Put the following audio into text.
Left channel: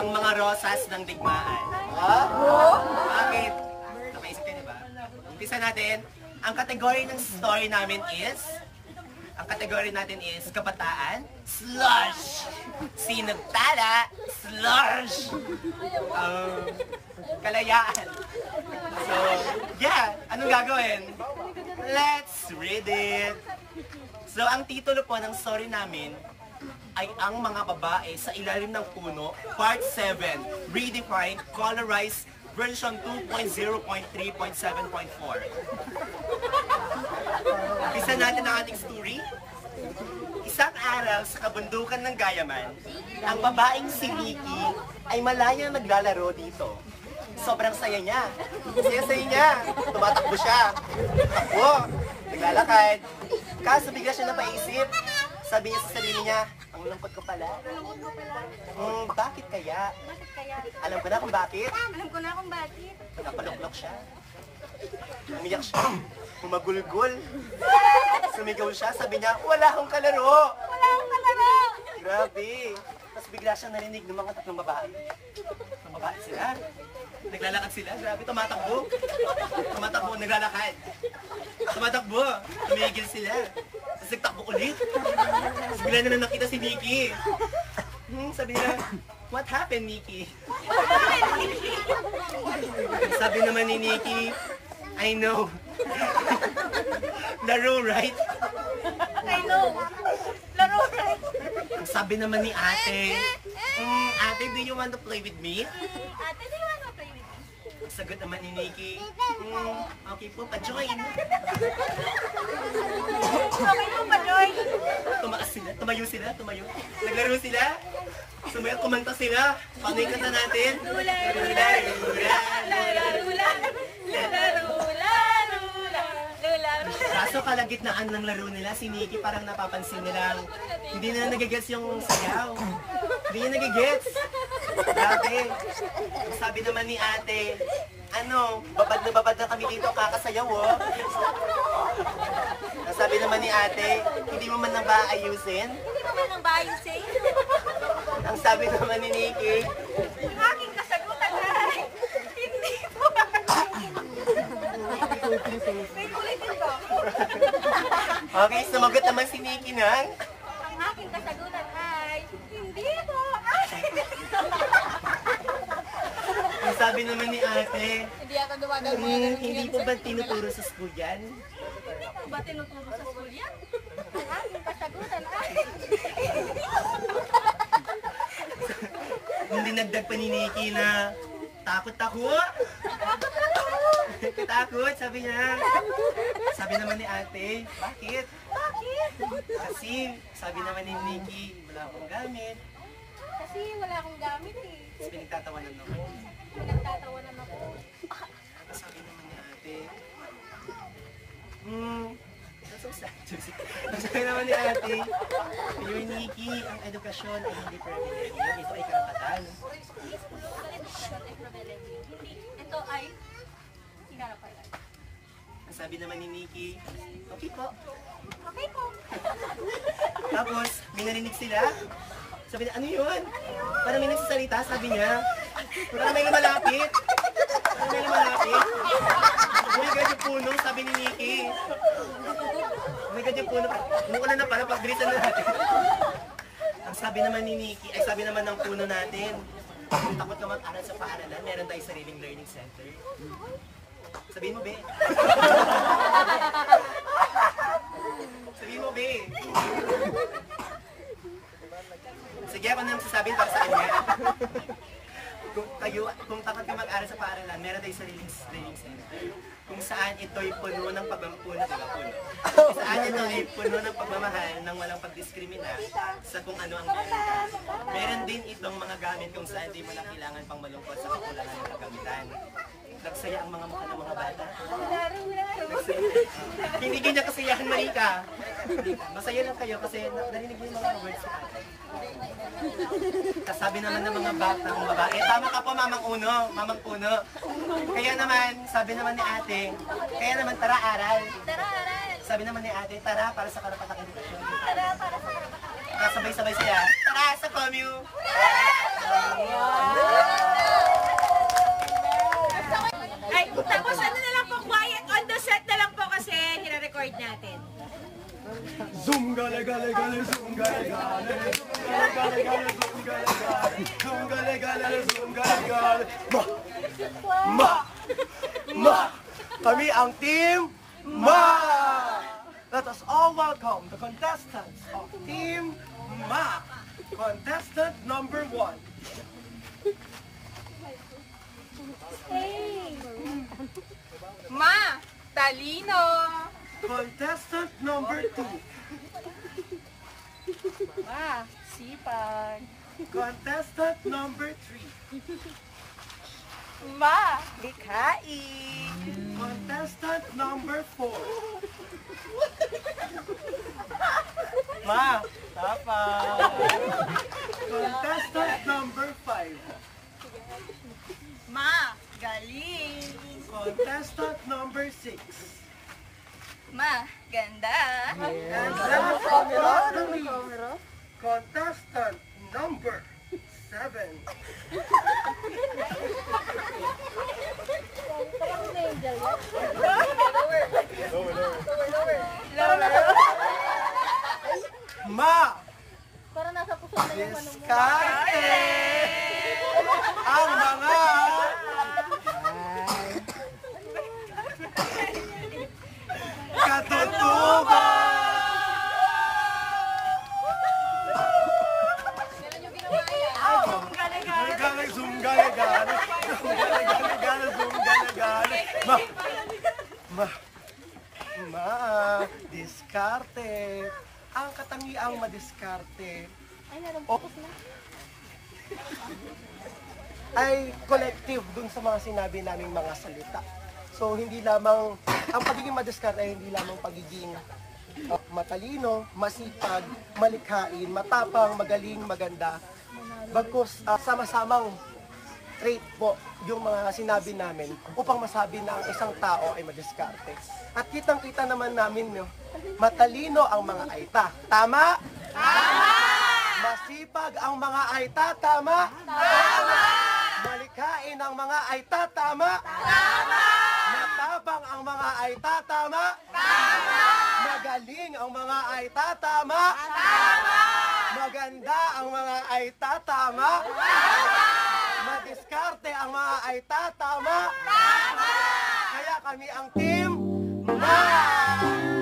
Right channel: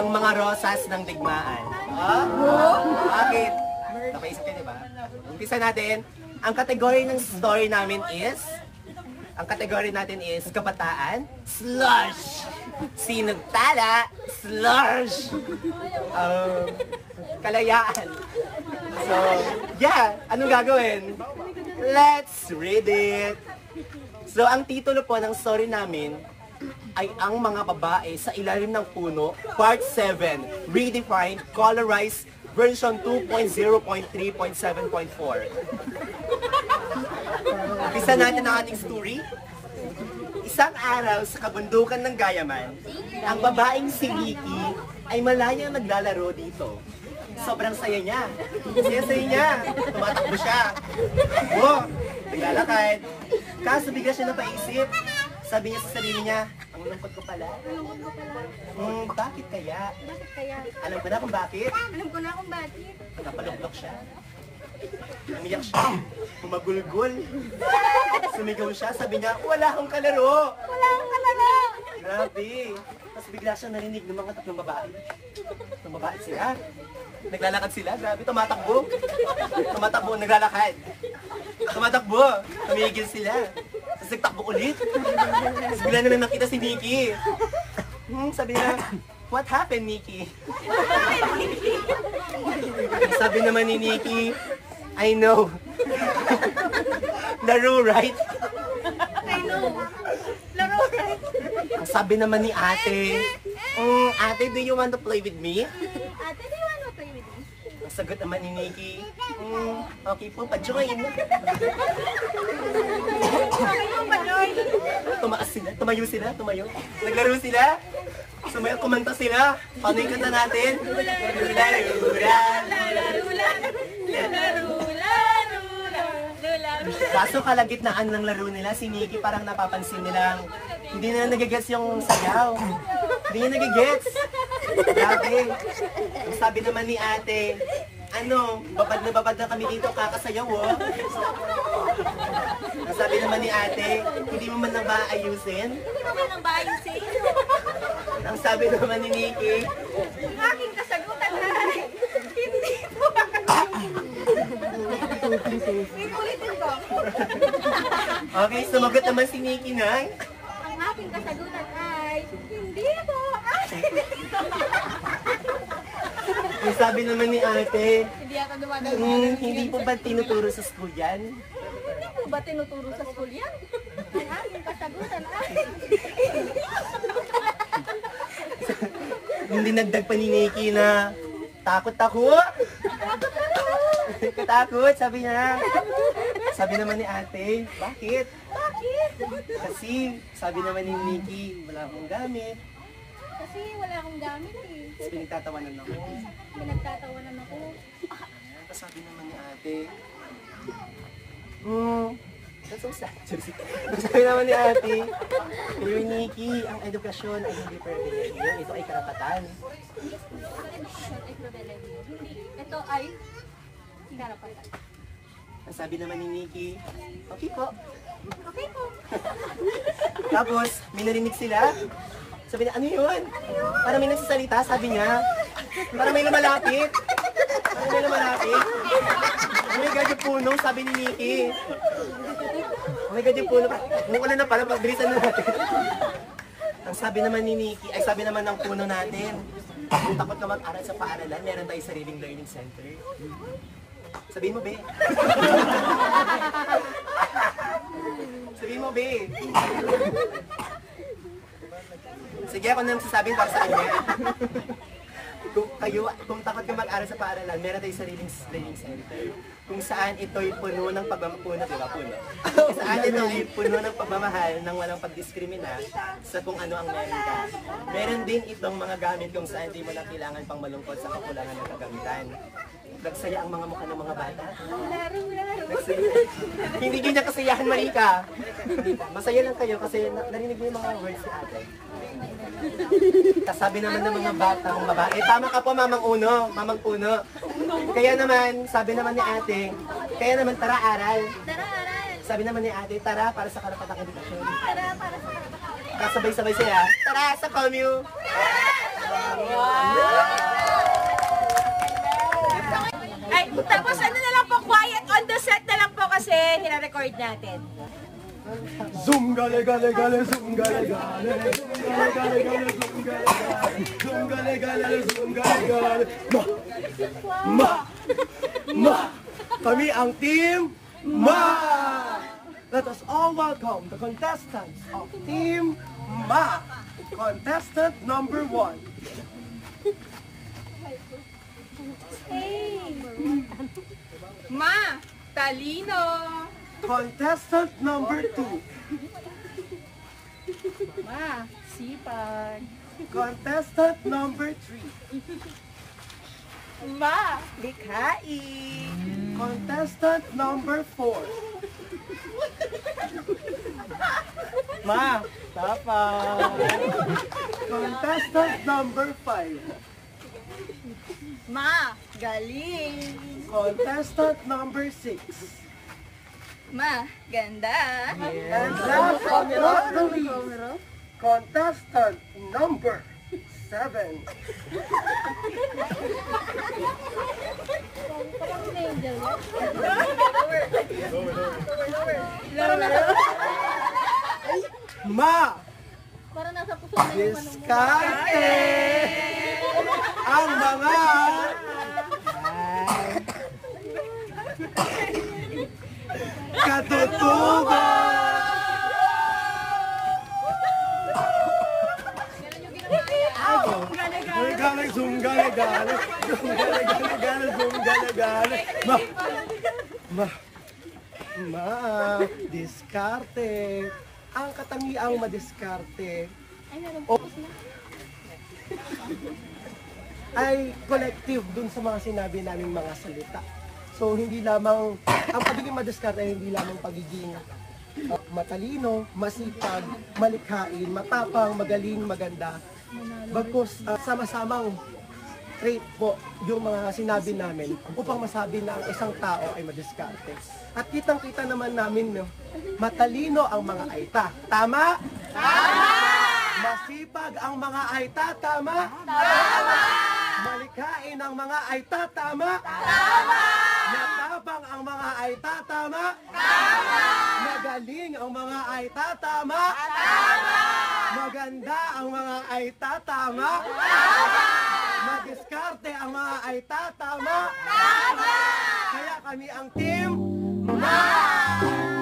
ang mga rosas ng digmaan. Bakit? Napaisip kayo, diba? Umpisa natin. Ang kategory ng story namin is, kabataan, slush! Sinugtala, slush! Kalayaan. So, yeah, anong gagawin? Let's read it! So, ang titulo po ng story namin ay Ang Mga Babae sa Ilalim ng Puno, Part 7, Redefined, Colorized, version 2.0.3.7.4. Umpisa natin ang ating story. Isang araw sa kabundukan ng Gayaman, ang babaeng si Nikki ay malayang naglalaro dito. Sobrang saya niya. Saya niya. Tumatakbo siya. Naglalakad. Kaso bigla siya napaisip. Sabi niya sa sarili niya, ang lungkot ko pala. Bakit kaya? Alam ko na kung bakit. Napaluklok siya. Umiyak siya. Umagulgol. Sumigaw siya. Sabi niya, wala akong kalaro. Grabe. Tapos bigla siya narinig ng mga tatlong babae. Tatlong babae sila. Naglalakad sila. Grabe. Tumatakbo. Naglalakad. Tumatakbo. Tumigil sila. Tapos nagtakbo ulit. Tapos bigla naman nakita si Nikki. Sabi niya, what happened, Nikki? Sabi naman ni Nikki, I know. Laro, right? Ang sabi naman ni ate, ate, do you want to play with me? Ang sagot naman ni Nikki, okay po, pa-join. Tumayo sila. Naglaro sila. Sumayo, kumanta sila. Paano yung kanta natin? Kaso kalagitnaan ng laro nila, si Nikki parang napapansin nilang hindi na nagigets yung sayaw. Hindi niya nagigets. Grabe. Ang sabi naman ni ate, babad na kami dito, kakasayaw, oh. Ang sabi naman ni ate, hindi mo man nang baayusin? Ang sabi naman ni Nikki, ang aking kasagutan ay, hindi po. May ulitin ko. Okay, sumagot naman si Nikki na, ang aking kasagutan ay, hindi po. ang sabi naman ni ate, hindi po ba tinuturo sa school yan? Hindi po ba tinuturo sa school yan? Ang aking kasagutan ay, Hindi nagdag pa ni Nikki na takot. Katakot, sabi niya. Sabi naman ni ate, bakit? Kasi, sabi naman ni Nikki, wala akong gamit. Tapos pinagtatawanan ako. Tapos sabi naman ni ate, that's so sad. Sabi naman ni ate, Dear Nikki, ang edukasyon ay hindi pribilehiyo. Ito ay karapatan. ang edukasyon ay pribilehiyo. Hindi, ito ay karapatan. Ang sabi naman ni Nikki, okay po. Tapos, may narinig sila. Sabi niya, ano yun? Parang may nagsasalita, sabi niya. Parang may lumalapit. Oh my God, yung puno, sabi ni Nikki. Oh my God, yung puno. Nung na pala, pagbilisan na natin. Ang sabi naman ni Nikki, ay sabi naman ng puno natin, kung takot na mag-aral sa paaralan, meron tayong sariling learning center. Sabihin mo, be. Sabihin mo, be. Sige, ako nang sasabihin para sa kanya. Kung takot ka mag-aral sa paaralan, meron tayong sariling learning center. Kung saan ito'y puno ng pagmamahal, di ba? Kung saan ito'y puno ng pagmamahal nang walang pagdiskrimina sa kung ano ang meron ka. Meron din itong mga gamit kung saan di mo na kailangan pang malungkot sa kakulangan ng kagamitan. Nagsaya ang mga mukha ng mga bata. Hindi ganyan kasiyahan, Marika. Masaya lang kayo kasi narinig niyo yung mga words si ate. Kasabi naman ng mga bata, mga babae, tama ka po, mamang puno. Kaya naman, sabi naman ni ate, kaya naman tara aral. Sabi naman ni ate, tara para sa karapatang edukasyon. Tara para sa karapatang edukasyon. Kasabay-sabay sila, tara sa commune. Tara sa Ay, tapos ano na lang po, quiet on the set na lang po kasi nire-record natin. Zoom gale gale gale zoom gale gale zoom gale gale gale zoom gale gale zoom gale gale zoom gale gale ma kami ang team Ma. Let us all welcome the contestants of team Ma. Contestant number 1. Ma, talino. Contestant number 2. Ma, sipag. Contestant number 3. Ma, likhain. Contestant number 4. Ma, tapang. Contestant number 5. Ma, galing. Contestant number 6. Ma, ganda. And last but not the least, contestant number 7. Ma, Pero nasa puso na diskarte ang mga katutuban. Gale zoom gale gale zoom gale gale gale zoom gale gale diskarte ang katangiang madiskarte ay collective dun sa mga sinabi naming mga salita. So hindi lamang ang pagiging madiskarte ay hindi lamang pagiging matalino, masipag, malikhain, matapang, magaling, maganda. Bagkus sama-samang trait po yung mga sinabi namin upang masabi na ang isang tao ay madiskarte. At kitang-kita naman namin matalino ang mga aita. Tama? Tama! Masipag ang mga aita. Tama? Tama! Malikhain ang mga aita. Tama? Tama! Matapang ang mga aita. Tama? Tama! Magaling ang mga aita. Tama? Tama! Maganda ang mga aita. Tama? Tama! Madiskarte ang mga aita. Tama? Tama! Kaya kami ang team Ma!